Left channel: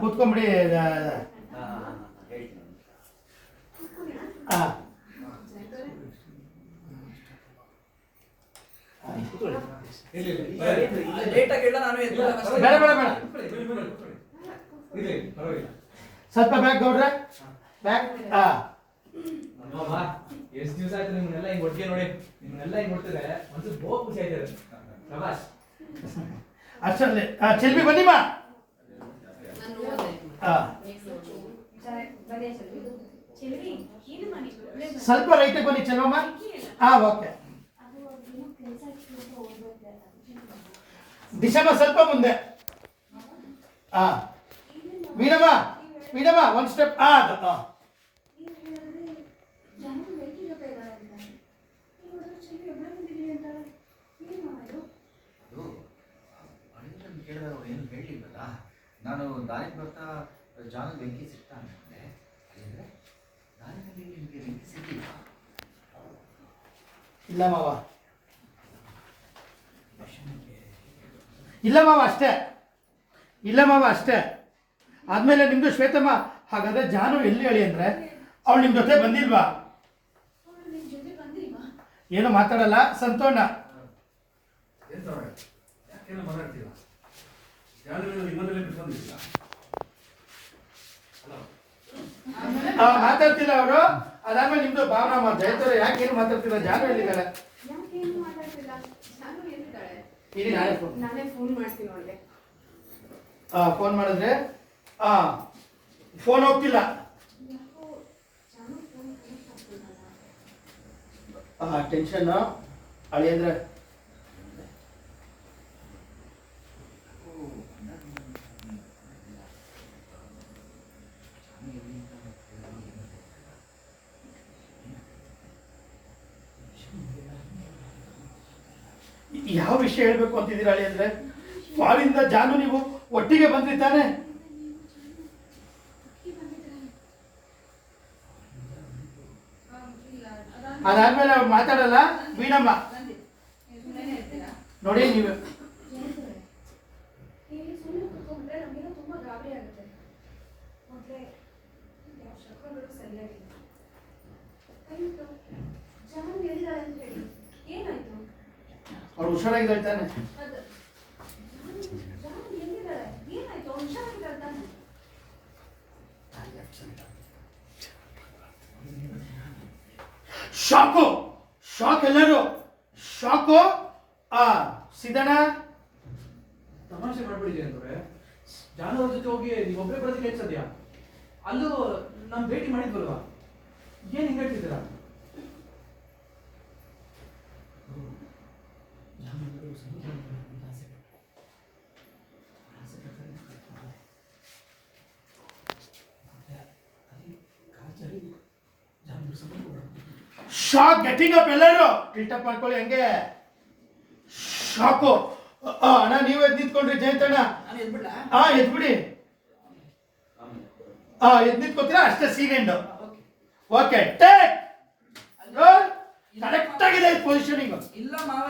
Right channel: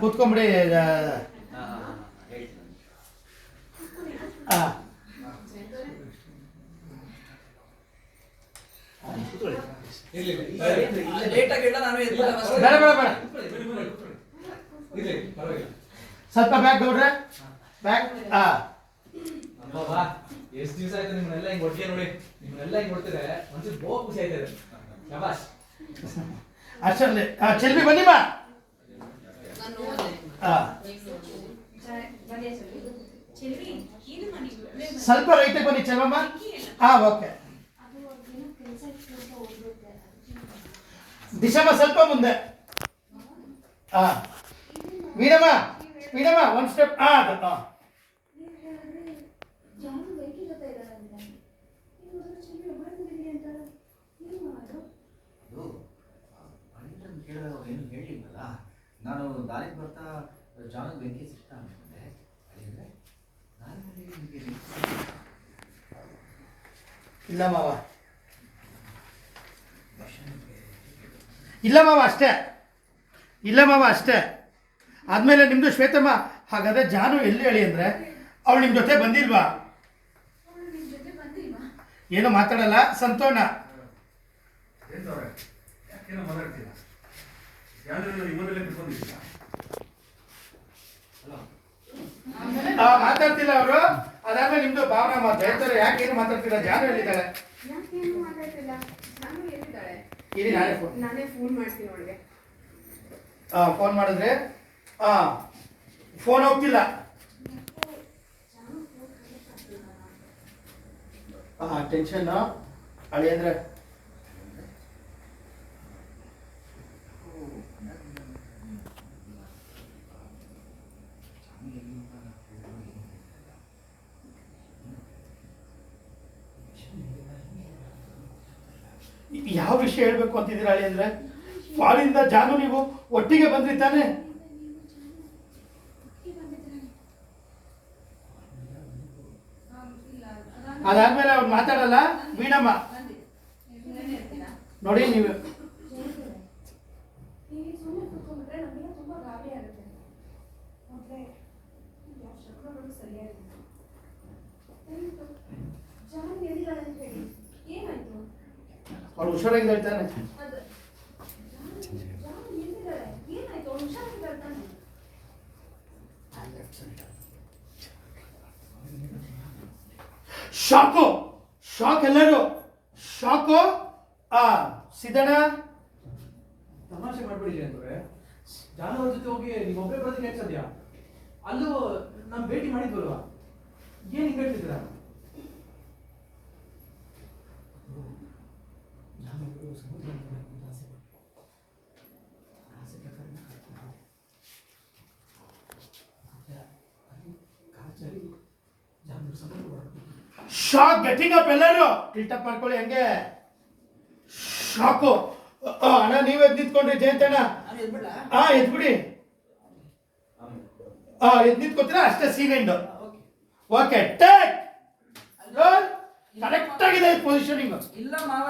ಕೂತ್ಕೊಂಬಿಡಿ. ಸ್ವಲ್ಪ ಬ್ಯಾಗ್ ನೋಡ್ರೆ ಬ್ಯಾಗ್. ಎಷ್ಟು ದಿವಸ ಆಯ್ತು ನಿಮ್ಮನ್ನೆಲ್ಲ ಹಿಂಗ್ ಒಟ್ಟಿಗೆ ನೋಡಿ, ನಿಮ್ಮನ್ನೆಲ್ಲ ಹಿಂಗ್ ನೋಡ್ತಿದ್ರೆ ಒಂಚೂರು ಬಹು ಖುಷಿ ಆಯ್ತದೆ. ಶಬಾಷ್. ಅಷ್ಟರಲ್ಲಿ ಚೆಲ್ವಿ ಬನ್ನಿ ಬಾ. ಸ್ವಲ್ಪ ರೈತೆ ಬನ್ನಿ ಚೆಲ್ವಮ್ಮ. ಓಕೆ. ದಿಶಮ್ಮ ಸ್ವಲ್ಪ ಮುಂದೆ. ವೀರಮ್ಮ ವೀರಮ್ಮ ಒಂದು ಸ್ಟೆಪ್. ಅದು ಏನು ಹೇಳಿಲ್ವಲ್ಲ, ನಾನು ದಾರಿಗೆ ಬರ್ತಾ ಜಾನಿಗೆ ಬೆಂಕಿ ಸಿಗ್ತಾ ಅನ್ಕೊಂಡೆ. ಅಲ್ಲಿಂದ್ರೆ ದಾರಿನಲ್ಲಿ ನಿಮಗೆ ಬೆಂಕಿ ಸಿಕ್ಕಿಲ್ಲ? ಇಲ್ಲ ಮಾವ, ಇಲ್ಲ ಮಾವ ಅಷ್ಟೇ, ಇಲ್ಲ ಮಾವ ಅಷ್ಟೇ. ಆದಮೇಲೆ ನಿಮ್ಮದು ಶ್ವೇತಮ್ಮ, ಹಾಗಾದರೆ ಜಾನು ಎಲ್ಲಿ ಹೇಳಿ ಅಂದರೆ ಅವಳು ನಿಮ್ಮ ಜೊತೆ ಬಂದಿಲ್ವಾ? ಏನು ಮಾತಾಡಲ್ಲ ಸಂತೋಣ. ಮಾತಾಡ್ತಿಲ್ಲ ಅವರು. ಅದಾದ್ಮೇಲೆ ನಿಮ್ದು ಭಾವನಾ ಮಾತು ಹೇಳ್ತಾರೆ. ಯಾಕೇನು ಮಾತಾಡ್ತಿಲ್ಲ? ಜಾನು ಎಲ್ಲಿದ್ದಾಳೆ? ನಾನೇ ಫೋನ್ ಮಾಡ್ತೀನಿ ಅವಳಿಗೆ. ಫೋನ್ ಮಾಡಿದ್ರೆ ಫೋನ್ ಹೋಗ್ತಿಲ್ಲ. ಟೆನ್ಷನ್ ಅಳಿಯಂದ್ರೆ ಯಾವ ವಿಷಯ ಹೇಳ್ಬೇಕು ಅಂತಿದ್ದೀರಾ ಅಳಿ? ಅಂದ್ರೆ ಫಾಲಿಂದ ಜಾನು ನೀವು ಒಟ್ಟಿಗೆ ಬಂದ್ರಿ ತಾನೆ? ಅದಾದ್ಮೇಲೆ ಅವ್ರು ಮಾತಾಡಲ್ಲ. ವೀಣಮ್ಮ ನೋಡಿ ನೀವು ಅವಳು ಹುಷಾರಾಗಿದೆ ಹೇಳ್ತಾನೆ. ಶಾಕು ಶಾಕ್, ಎಲ್ಲರೂ ಶಾಕು. ಸಿದ್ದಣ್ಣ ತಮಾಷೆ ಮಾಡ್ಬಿಡಿ ಅಂದ್ರೆ ಜಾನುವಾರ ಜೊತೆ ಹೋಗಿ ನೀವೊಬ್ಬರೇ ಬರೋದಕ್ಕೆ ಎಷ್ಟು ಸದ್ಯ? ಅಲ್ಲೂ ನಮ್ ಭೇಟಿ ಮಾಡಿದ್ವಲ್ವಾ? ಏನ್ ಹಿಂಗ್ ಹೇಳ್ತಿದ್ದೀರಾ? Shock getting up. ಎಲ್ಲರೂ ಟಿಲ್ಟಪ್ ಮಾಡ್ಕೊಳ್ಳಿ ಹಂಗೆ. ಶಾಕು. ಅಣ್ಣ ನೀವು ಎದ್ದು ನಿಂತ್ಕೊಂಡ್ರಿ ಜಯಂತಣ್ಣ. ಎದ್ಬಿಡಿ. ಎದ್ದು ನಿಂತ್ಕೊತೀರಾ ಅಷ್ಟೇ. Secant okay. ಟೇಕ್ ಕರೆಕ್ಟ್ ಆಗಿದೆ ಪೊಸಿಷನಿಂಗ್. ಇಲ್ಲ ಮಾವ.